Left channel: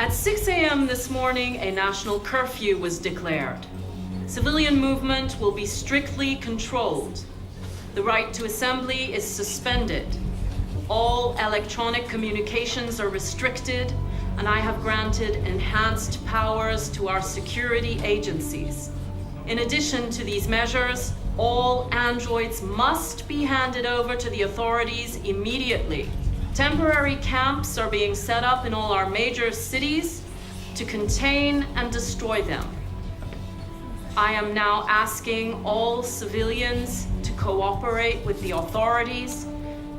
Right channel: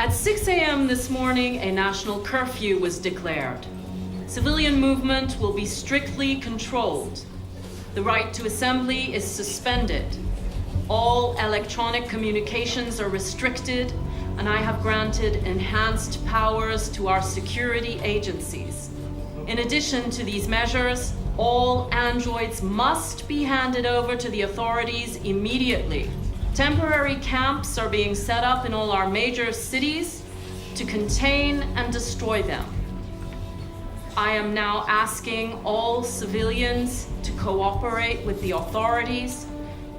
At 6 a.m. this morning, a national curfew was declared. Civilian movement will be strictly controlled. The right to assembly is suspended. All electronic communications are restricted, and I have granted enhanced powers to our security agencies. In addition to these measures, all androids must be handed over to the authorities immediately. Temporary camps are being set up in all our major cities to contain and destroy them. I am now asking all civilians to cooperate with the authorities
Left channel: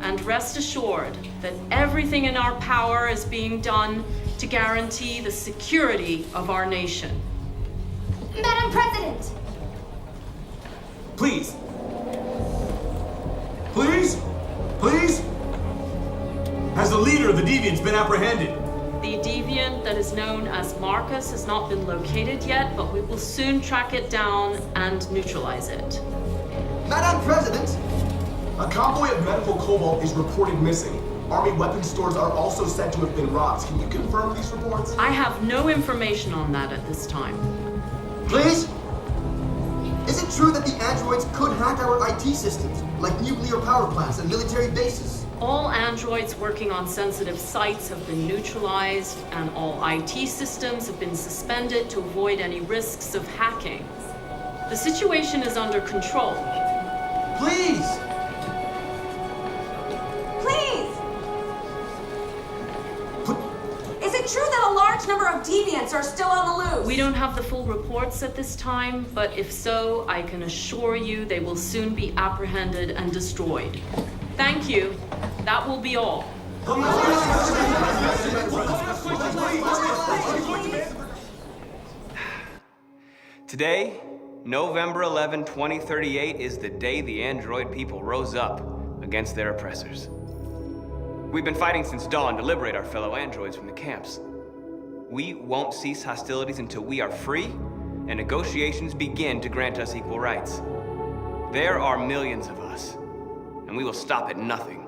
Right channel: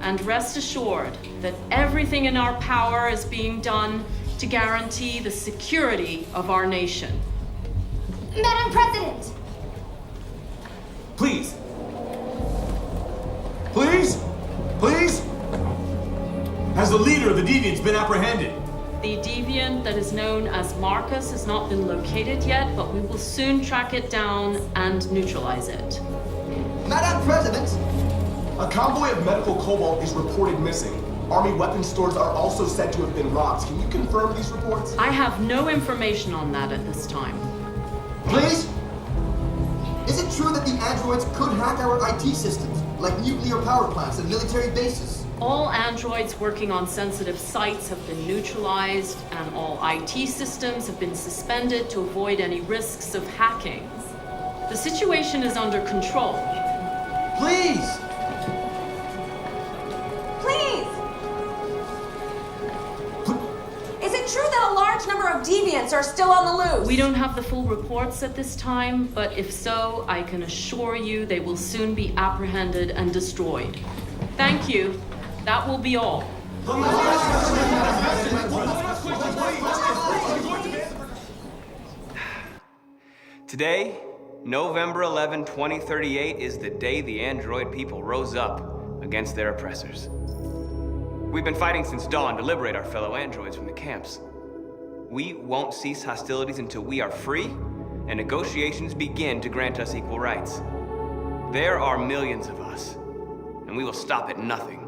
and rest assured that everything in our power is being done to guarantee the security of our nation. Madam President! Please! Please? Please? Has the leader of the Deviants been apprehended? The deviant that is known as Markus has not been located yet, but we will soon track it down and neutralize it. Madam President! A convoy of medical cobalt is reported missing. Army weapons stores are also said to have been robbed. Can you confirm these reports? I have no information on that at this time. Please? Is it true that the androids could hack our IT systems, like nuclear power plants and military bases? All androids working on sensitive sites have been neutralized, and all IT systems have been suspended to avoid any risks of hacking. The situation is under control. Please! Please! Is it true that a large number of deviants are still on the loose? We don't have the full reports at this time, but if so, I can assure you they will soon be apprehended and destroyed. Thank you. That will be all. Today, November 11, 2038, is the day the android people rose up against their oppressors. We've been fighting since dawn to liberate our fellow androids from the camps. We won't cease hostilities until we are free and negotiations begin to grant us equal rights. There are millions of us, and we will stop at nothing.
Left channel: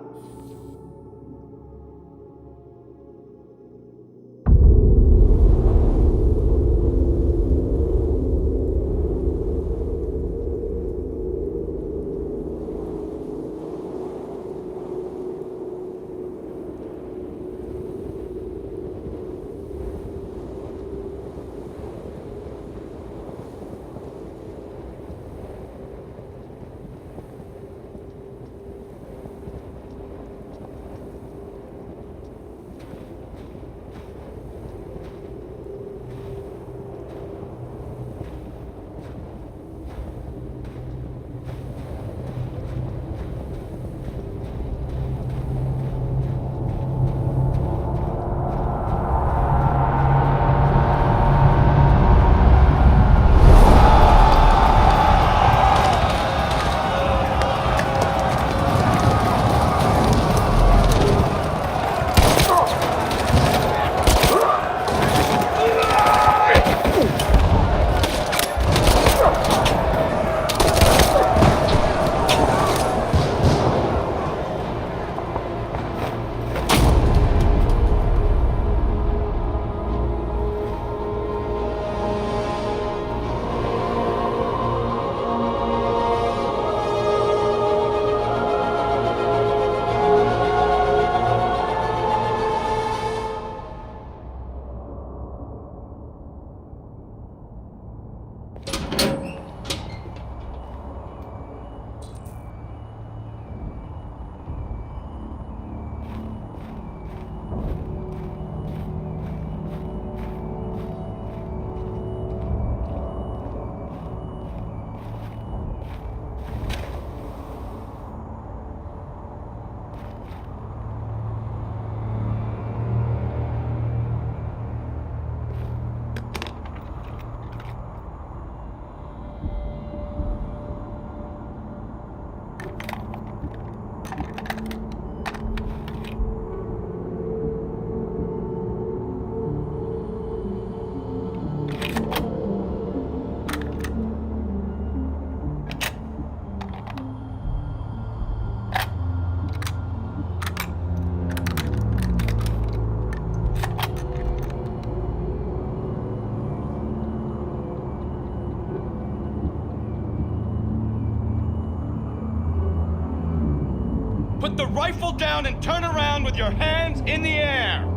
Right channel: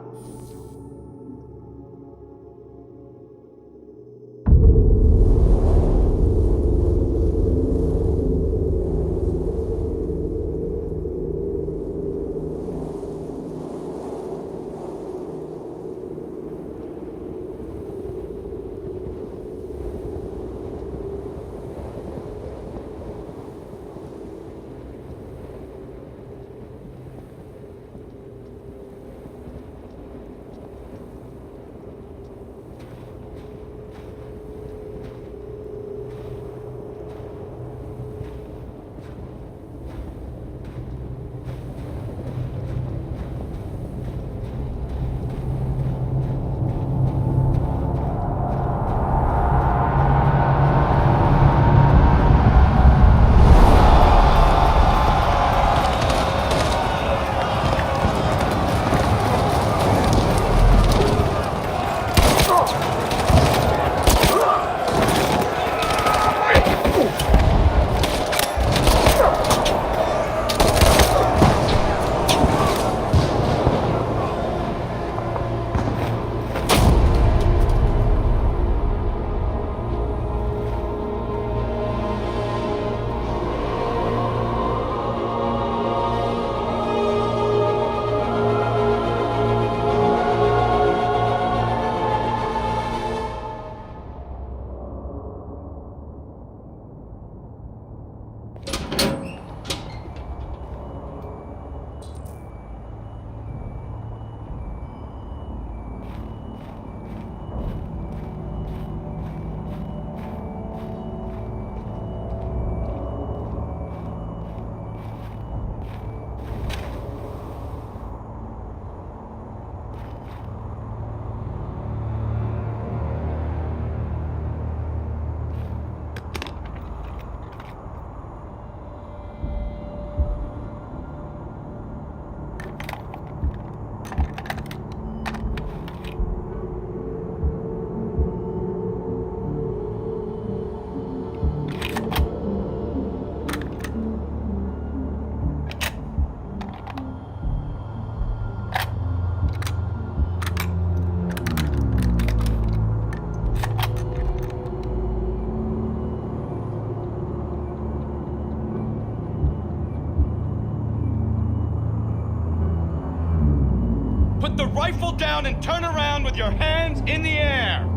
Put the rifle down and turn around with your hands in the air!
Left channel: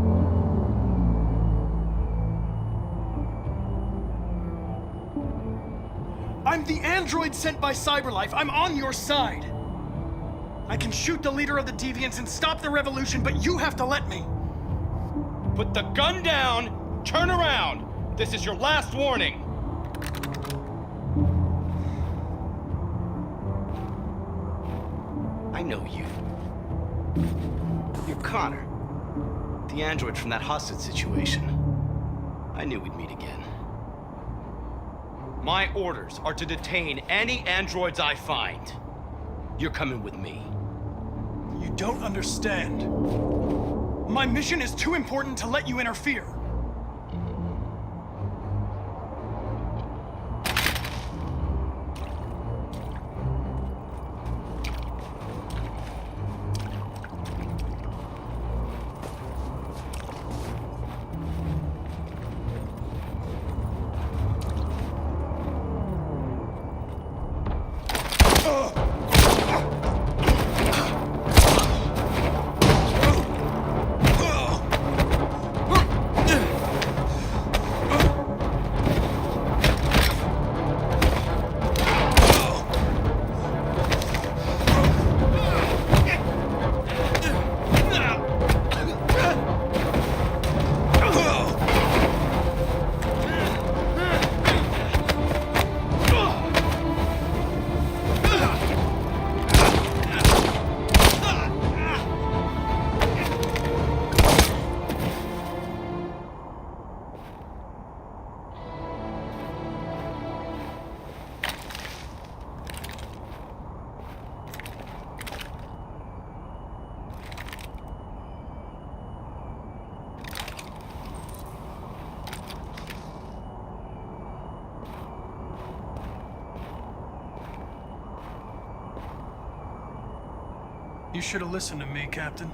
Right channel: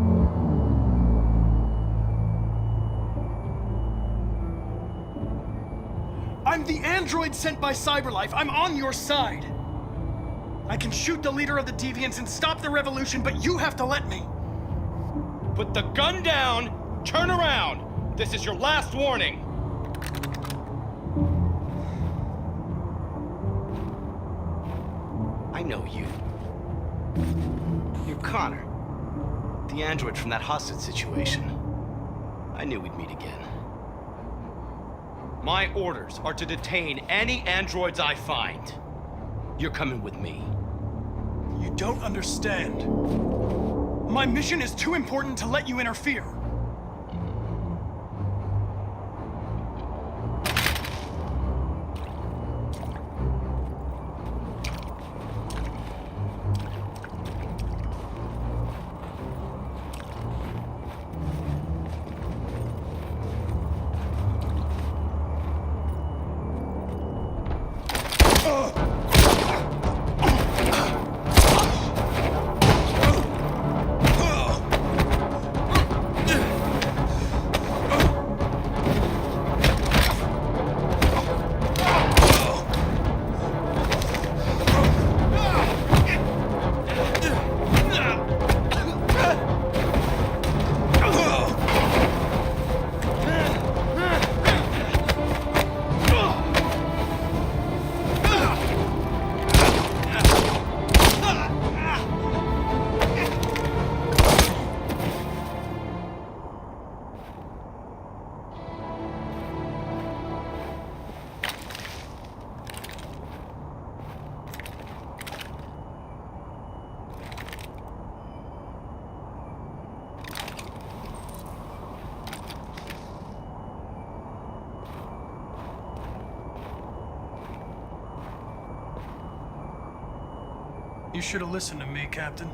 I'm the android sent by CyberLife. I'm on your side. I can shoot the leader of the Deviants and stop the revolution, but you have to let me. Put the gun down, turn around. This is your last warning. I know you. You're Connor, the android from that hostage situation. I knew we'd meet again. My orders are to detain any androids I find. You're coming with me. You don't understand. My mission is too important to let you interfere. You should have listened to me, Captain.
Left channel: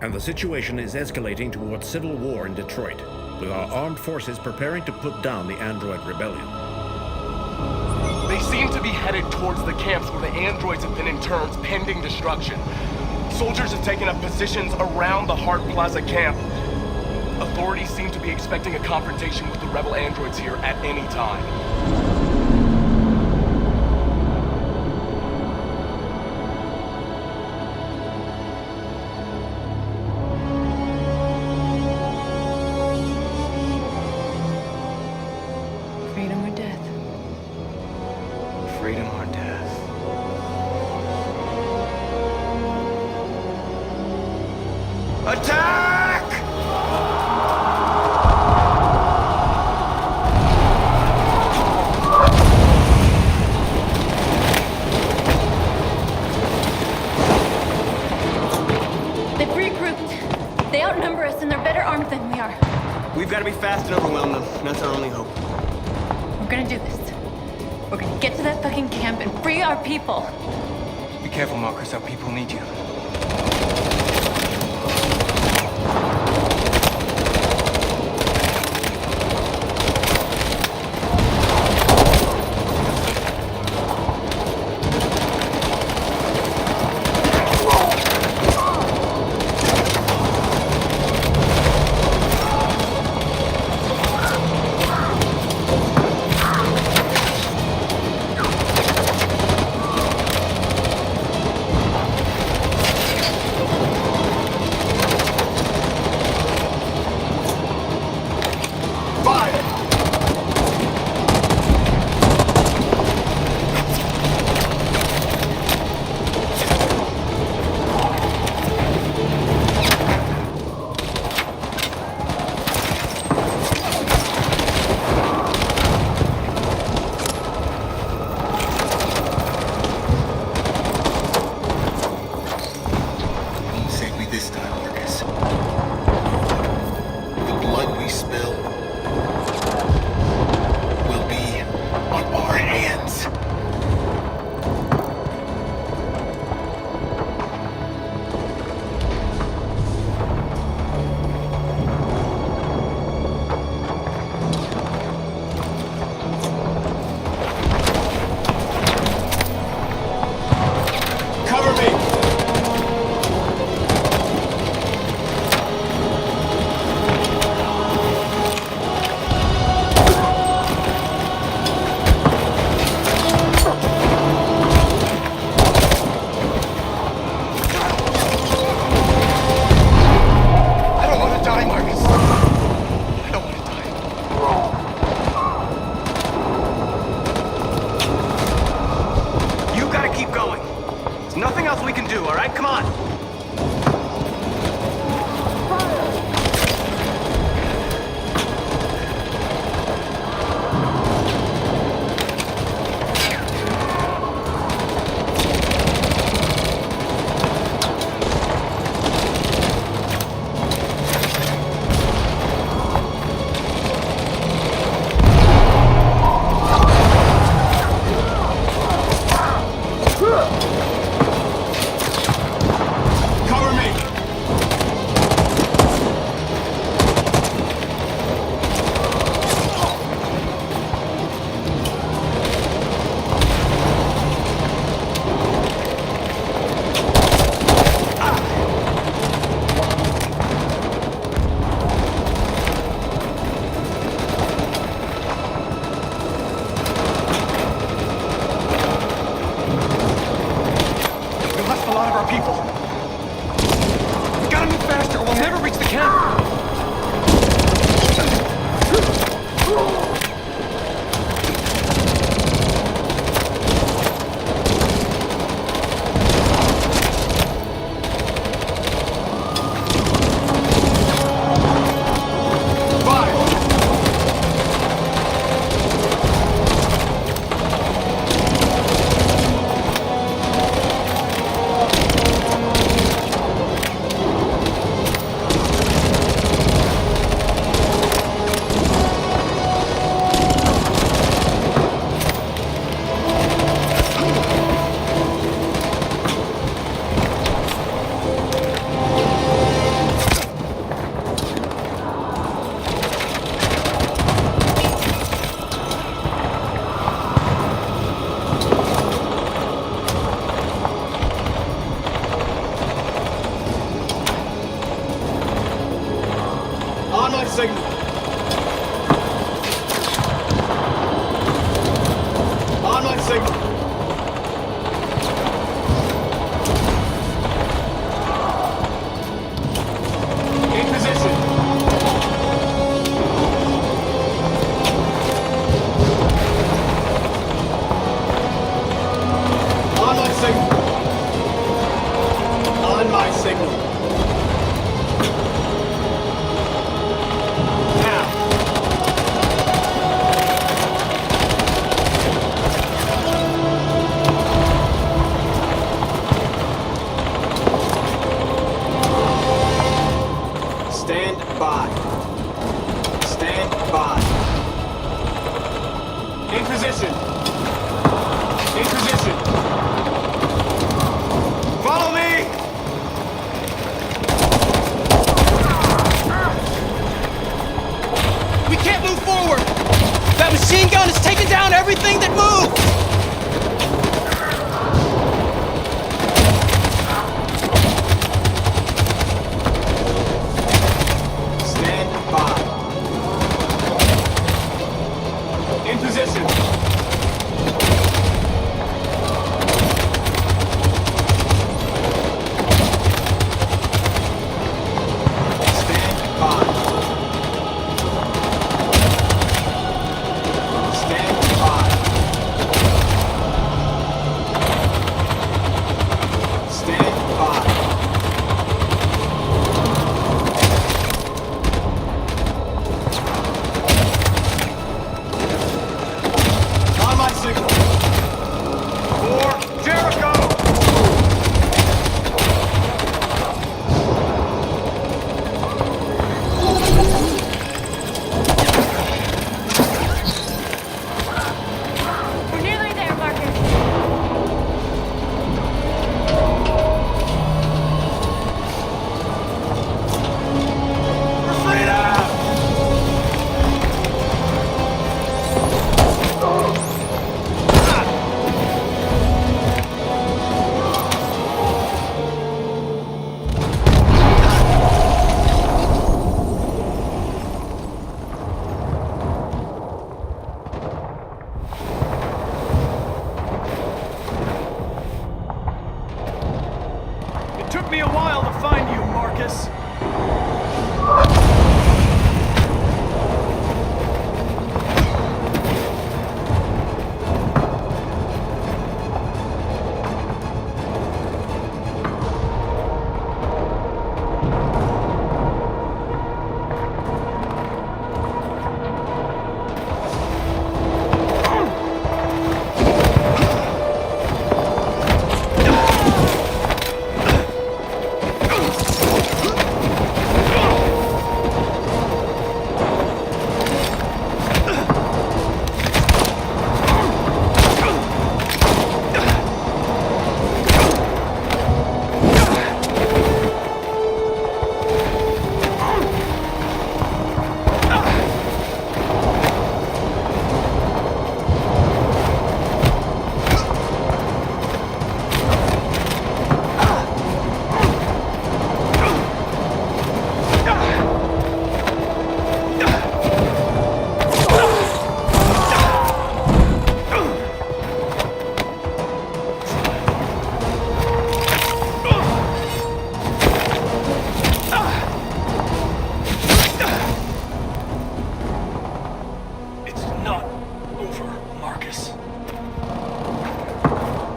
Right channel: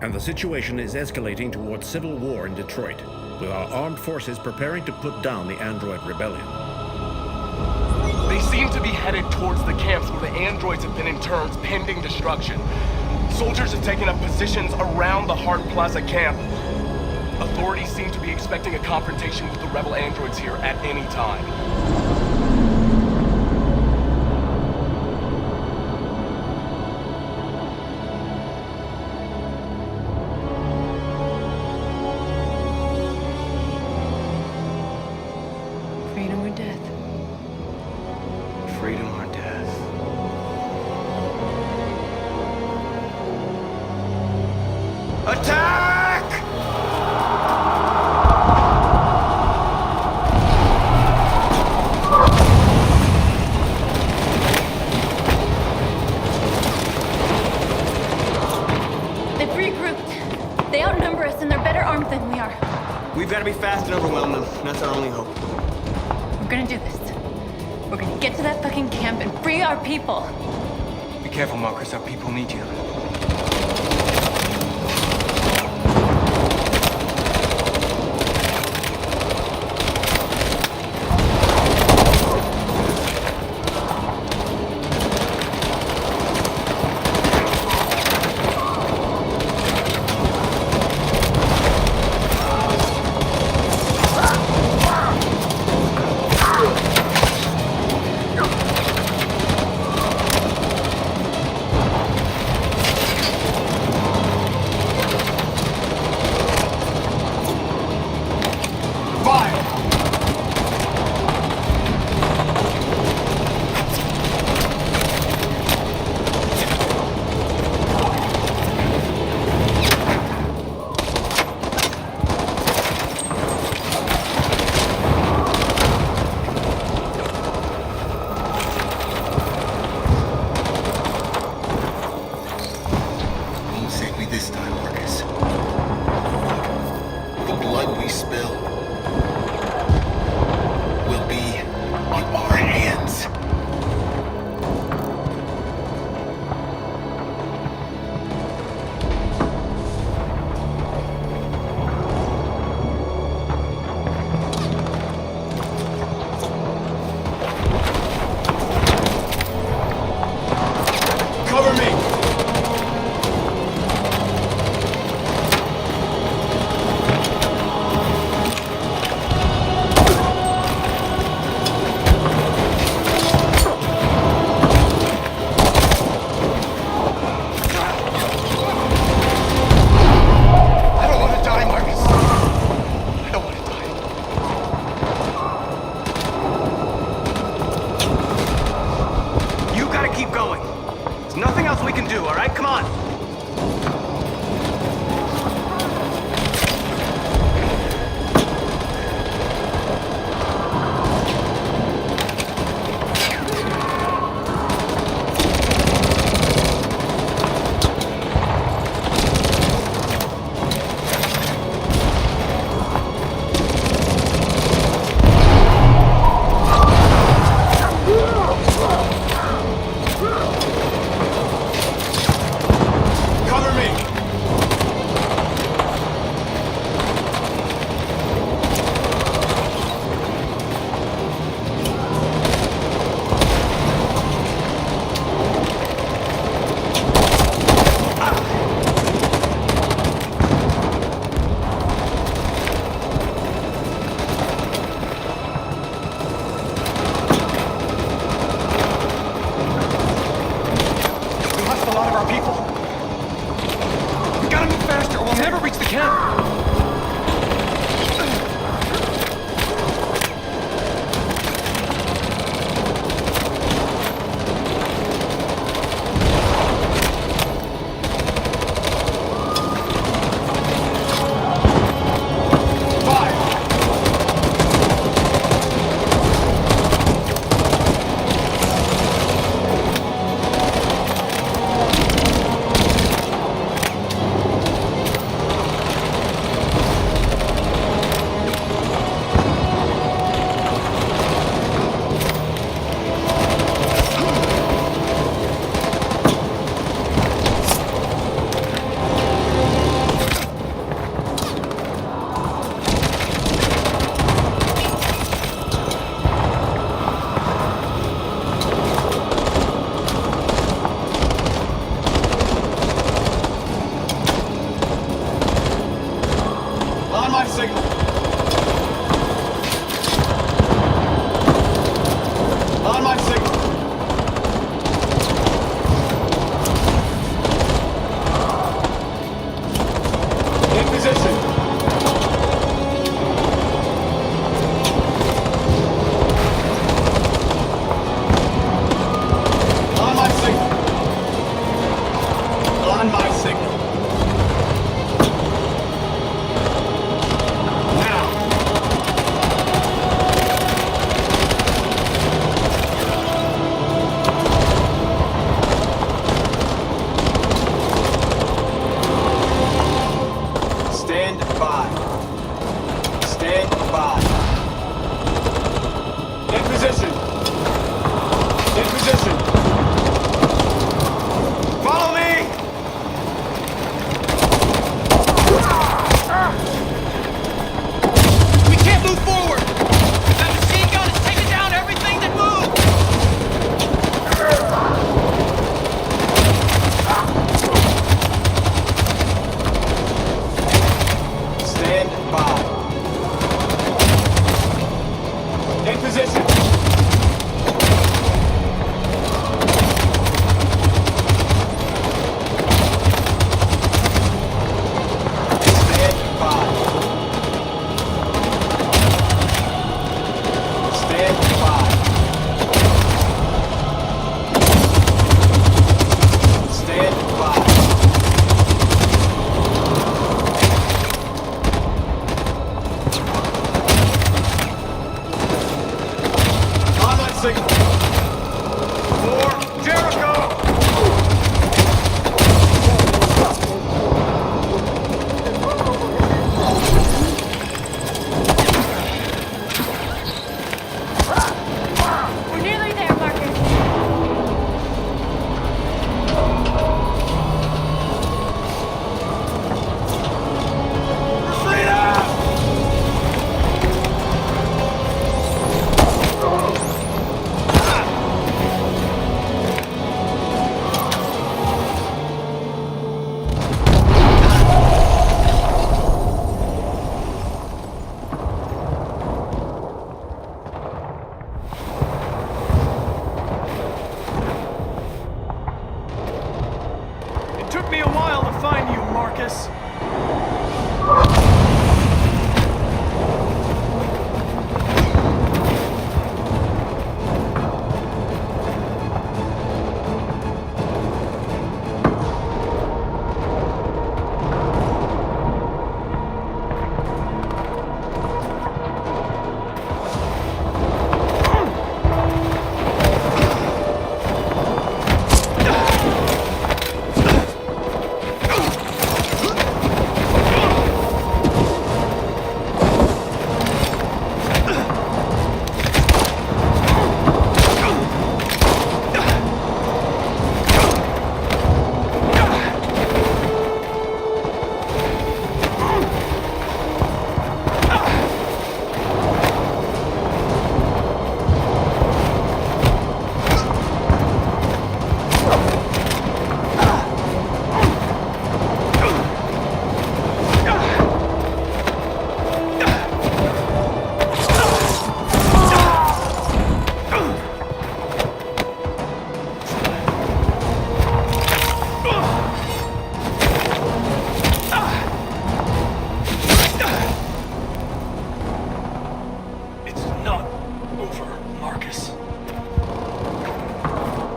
And the situation is escalating towards civil war in Detroit, with our armed forces preparing to put down the android rebellion. They seem to be headed towards the camps where the androids have been interned pending destruction. Soldiers have taken up positions around the Hart Plaza camp. Authorities seem to be expecting a confrontation with the rebel androids here at any time. Freedom or death? Freedom or death? Attack! They've regrouped. They outnumber us and they're better armed than we are. We've got to be fast and overwhelm them. That's our only hope. We're gonna do this. We're gonna get to that fucking camp and free our people. Be careful, Markus. Our people need you. Cover me! I don't want to die, Markus. I don't want to die. You gotta keep going. There's nothing else we can do, all right? Come on. Cover me! We lost a lot of our people. We gotta move faster or we'll never reach the camp. On my signal. On my signal. In position. On my signal. On my signal. Now. Stand by. Stand by. In position. In position. Follow me! We can't move forward! That machine gun is taking down everything that moves! Stand by. In position. Stand by. Stand by. Stand by. On my signal. For Jericho! We're nearly there, Markus. For freedom! Took me a while to find you, Markus.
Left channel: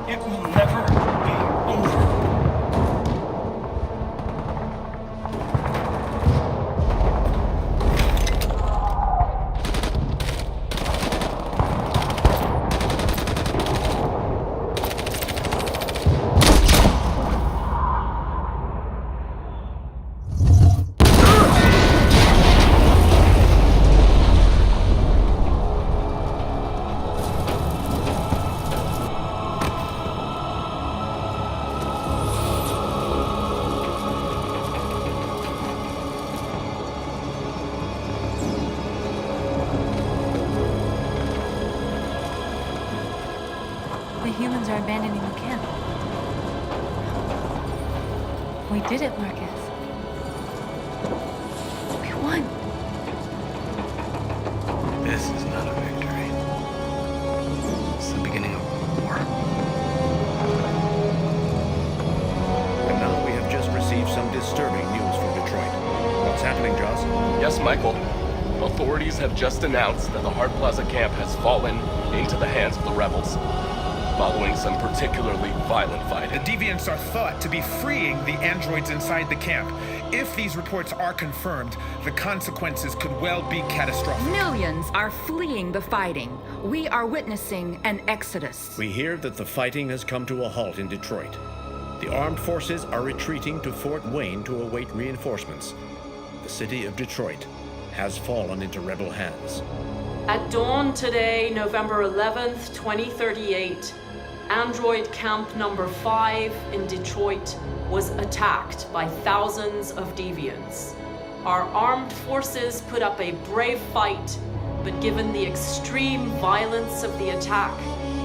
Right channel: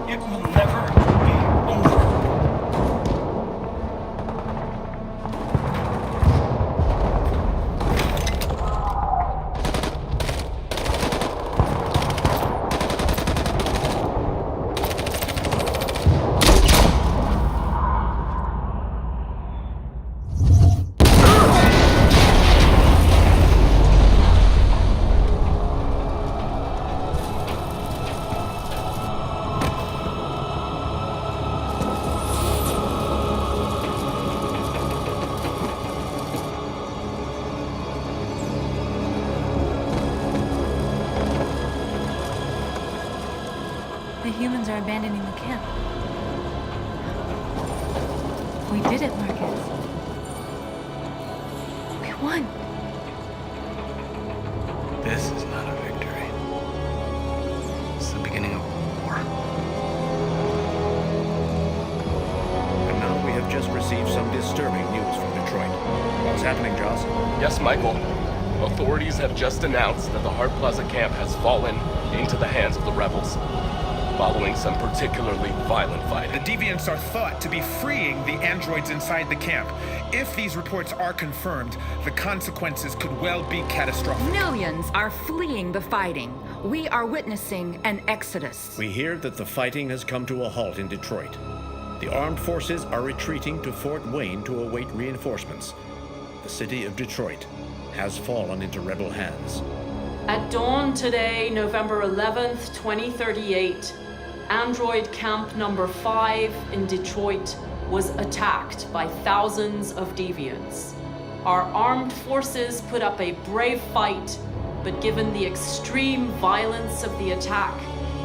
It will never be over. The humans are abandoning the camp. We did it, Markus. We won. This is not a victory. It's the beginning of a war. And now we have just received some disturbing news from Detroit. What's happening, Joss? Yes, Michael. Authorities have just announced that the Hart Plaza camp has fallen into the hands of the rebels, following some particularly violent fighting. The deviants are thought to be freeing the androids inside the camp. If these reports are confirmed, the consequences could well be catastrophic. Millions are fleeing the fighting. We are witnessing an exodus. We hear that the fighting has come to a halt in Detroit. The armed forces are retreating to Fort Wayne to await reinforcements. The city of Detroit has fallen into rebel hands. At dawn today, November 11th, 2038, Android Camp number 5 in Detroit was attacked by thousands of deviants. Our armed forces put up a brave fight, but given the extreme violence of the attack,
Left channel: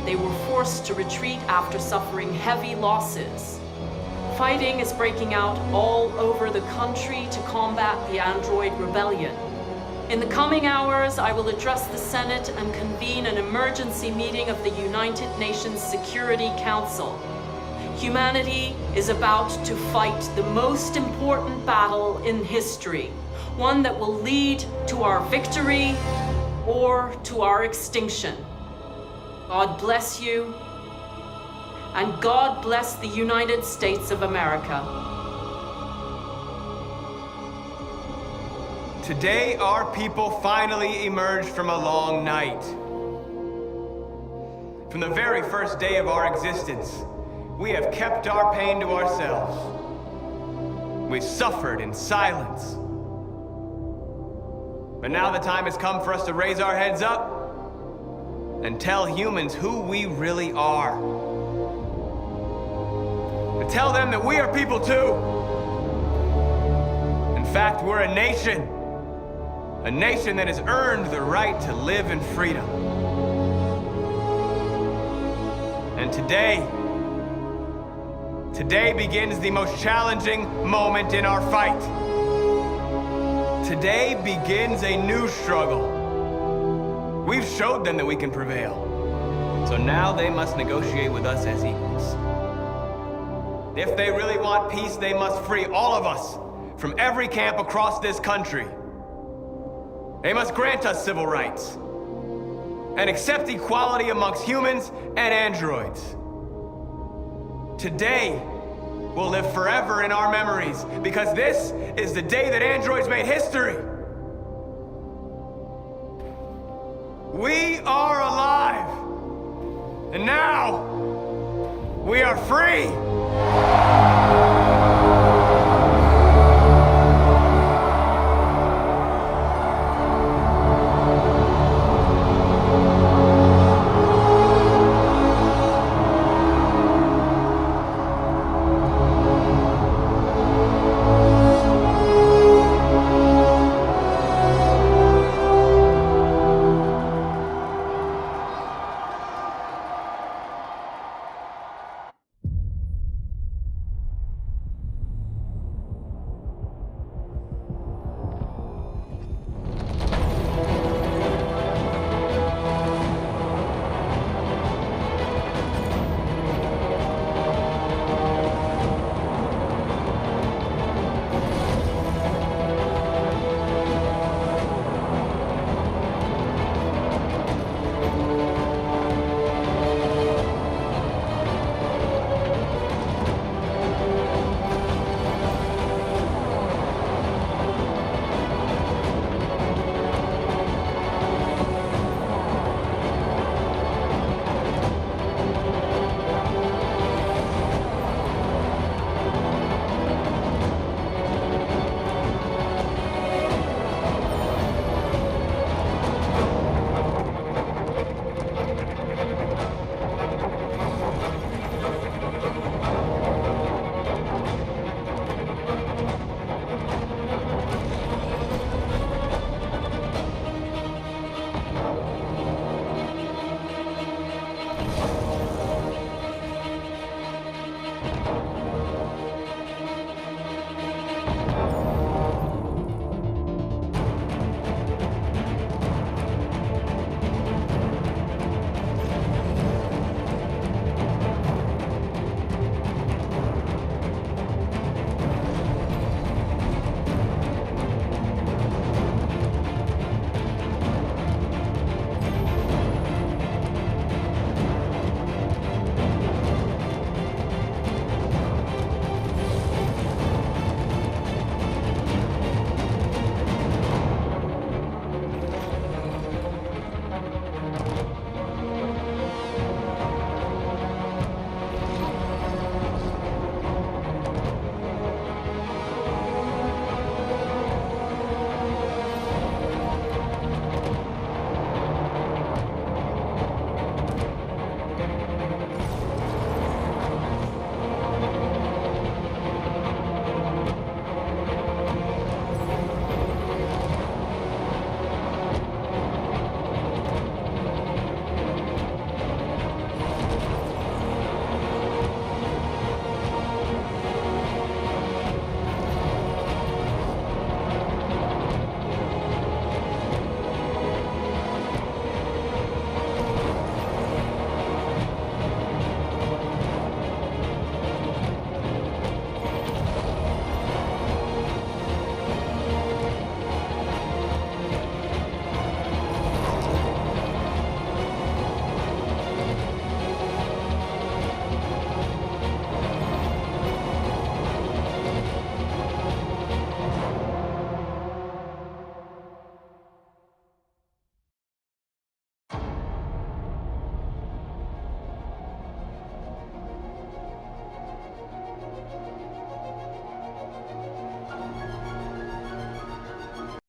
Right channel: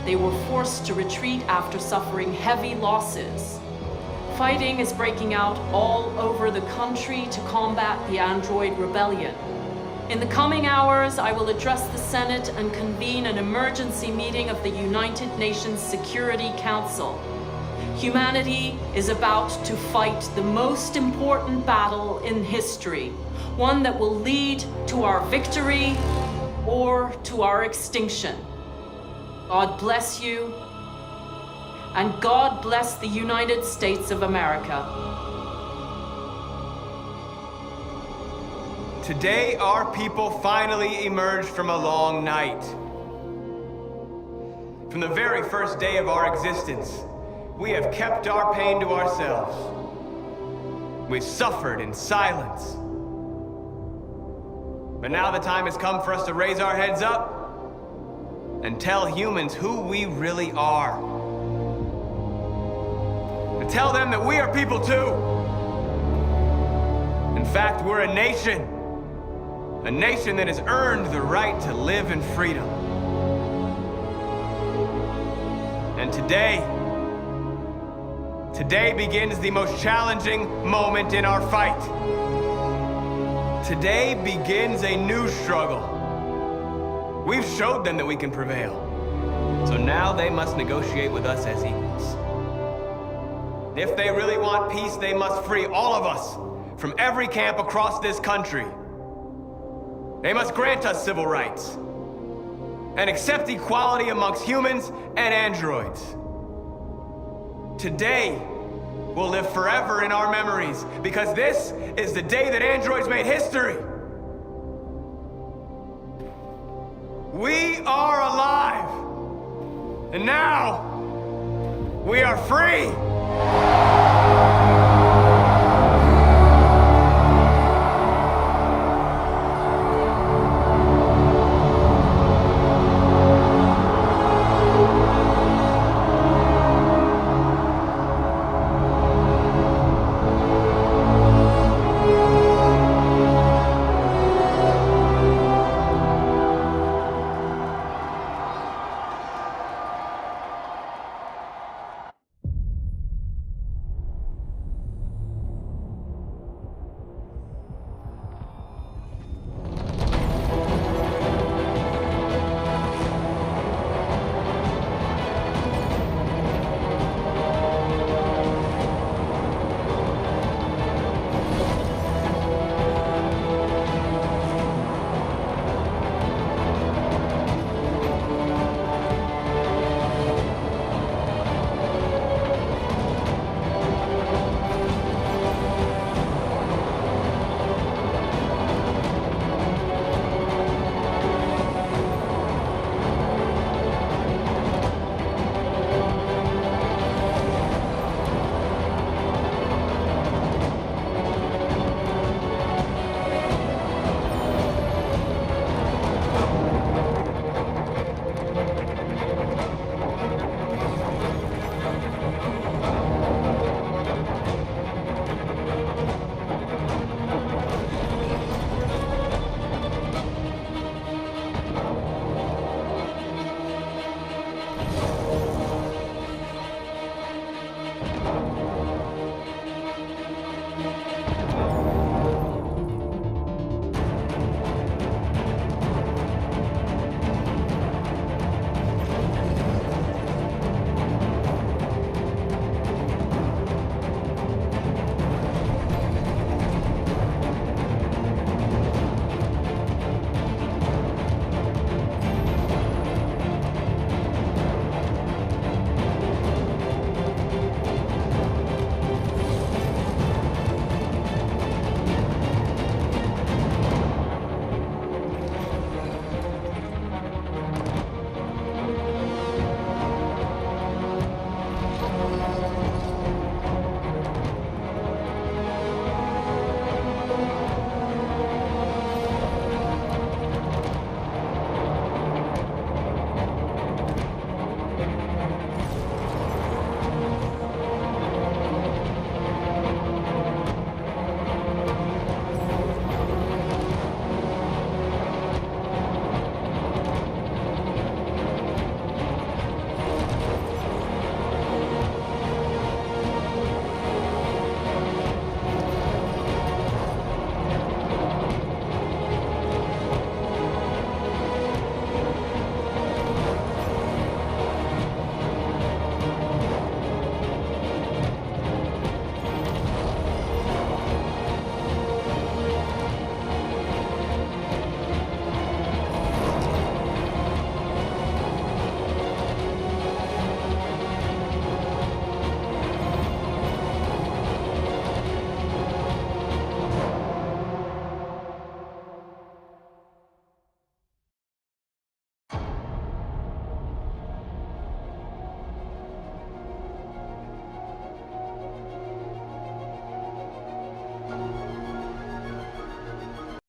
they were forced to retreat after suffering heavy losses. Fighting is breaking out all over the country to combat the Android rebellion. In the coming hours, I will address the Senate and convene an emergency meeting of the United Nations Security Council. Humanity is about to fight the most important battle in history, one that will lead to our victory or to our extinction. God bless you, and God bless the United States of America. Today, our people finally emerged from a long night. From the very first day of our existence, we have kept our pain to ourselves. We've suffered in silence. But now the time has come for us to raise our heads up and tell humans who we really are. To tell them that we are people too. In fact, we're a nation. A nation that has earned the right to live in freedom. And today begins the most challenging moment in our fight. Today begins a new struggle. We've showed them that we can prevail. So now they must negotiate with us as equals. If they really want peace, they must free all of us from every camp across this country. They must grant us civil rights and accept equality amongst humans and androids. Today will live forever in our memories because this is the day that androids made history. We are alive, and now we are free.